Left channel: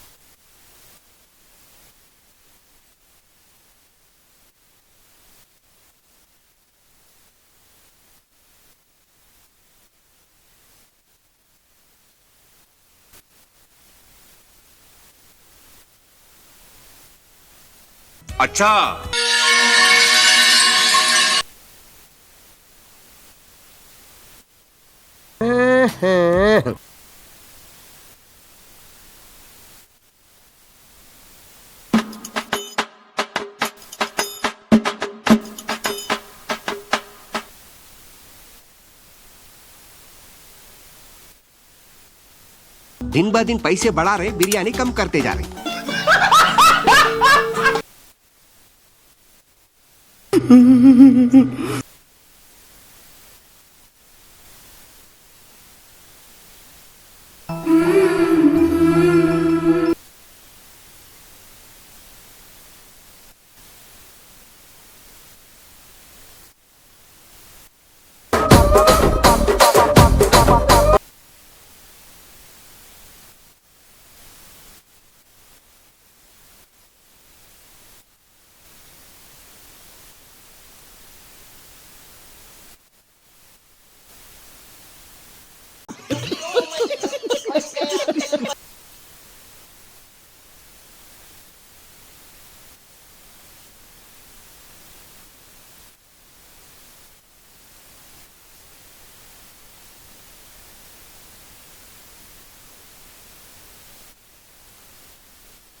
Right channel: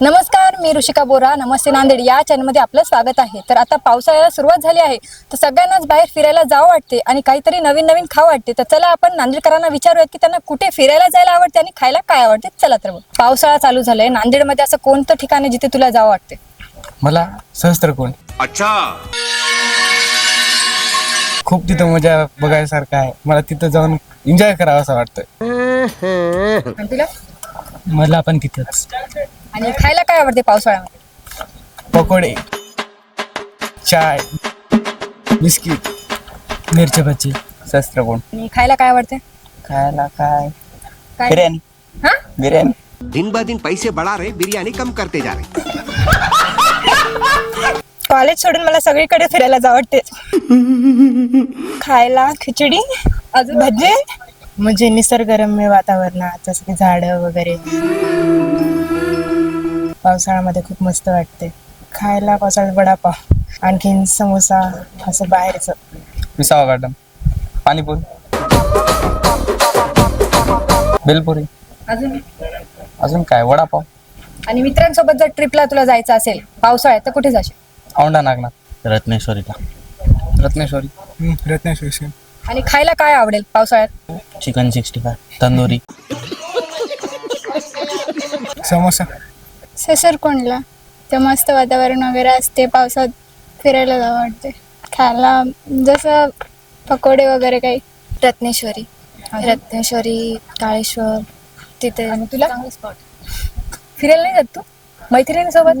नमस्कार मी ऋषिका बोरा. नमस्ते नांदेड. या चॅनलमध्ये आपलं स्वागत आहे. तर आता पावसाळ्याला सुरुवात झाली आहे. तर सगळ्यांनाच बाहेर फिरायला जावं वाटते आणि काहीतरी नवीन नवीन खावं वाटते. तर चला आपण नांदेडकरांना विचारूयात की त्यांना कुठे फिरायला जायला आवडते आणि खायला काय आवडते? चला तर मग. पावसाळा चालू झालाय. नांदेडमध्ये असं कोणतं ठिकाण आहे जिथे तुला जावं वाटते? मला सहस्त्रकोण अच्छा. खूप तिथं मजा बघायसारखं आहे. मला तिथं जाऊन एन्जॉय करावं असं वाटतं आणि तुला? मला पण तिथंच. आणि खायला काय आवडते पावसाळ्यामध्ये? पकोडे चाय बिस्किट मिरची भजी सहस्त्रकोण आणि खायला काय आवडते? खायला काय? काय? बिर्याणी. हा? बिर्याणी. दिन ब दिन पैसे बढ़ा रहे बिरयानी कम करते जा रहे. कॉलेज सोडून मला सगळीकडे फिरायला वाटते खायला खिचडी अजून? भजी म्हणजे निसर्गरम्य वातावरणात जसं की झाडं वगैरे. पावसाळ्यामध्ये खूप मस्त वाटते. खायला पावसाळ्यात वडापाव आणखीन समोसा असं बाहेरचं. विसावा गार्डन पाणीपुरी. बेलपुरी अजून? अजून काय? वडापाव आणि मित्रांसोबत जर ट्रिपला तुला जायचं असेल पावसाळ्यात तर कुठे जाशील? औंढा नागनाथ. रत्नेश्वरीला. रत्नेश्वरी. रत्नेश्वरी आणि खायला काय आवडेल पावसाळ्यात? Chicken sixty five tandoori. Samosa. ससरकोंडला तर मस्त वातावरण वगैरे असते पावसात फिरायला जावं वाटते खायला जसं पकोडे वगैरे काही. रत्नेश्वरी. रत्नेश्वरी काळेश्वर तिथे. तुला? फिरायला नाही जात तू? मैत्रिणीसोबत?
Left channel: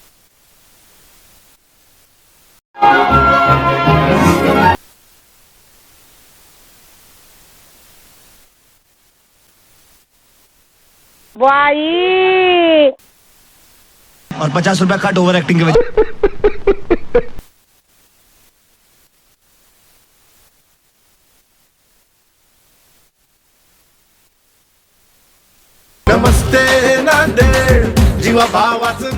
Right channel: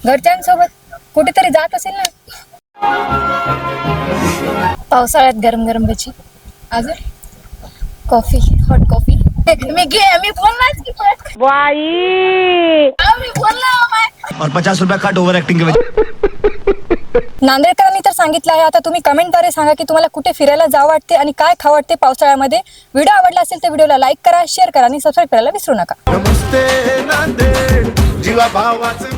घरच्यांसोबत? कुठेतरी जात असेल ना? पावसाळ्यात गरम गरम भजी अजून? कॉफी हॉट कॉफी मी घे मी बोलणार की पण. अहो, मी बोलणार बाय. और पचास रुपया कट ओवर एक्टिंग के वजह नांदेडकरांनी तर सांगितलं आहे आता तुम्ही कमेंटद्वारे सांगा की तुम्हाला कुठे फिरायला जावं वाटते आणि काय खावं वाटते पावसाळ्यामध्ये व्हिडिओ आवडला असेल तर व्हिडिओला लाईक करा शेअर करा आणि सबस्क्राईब करायला विसरू नका नमस्ते नांदेड जीवा भावाचं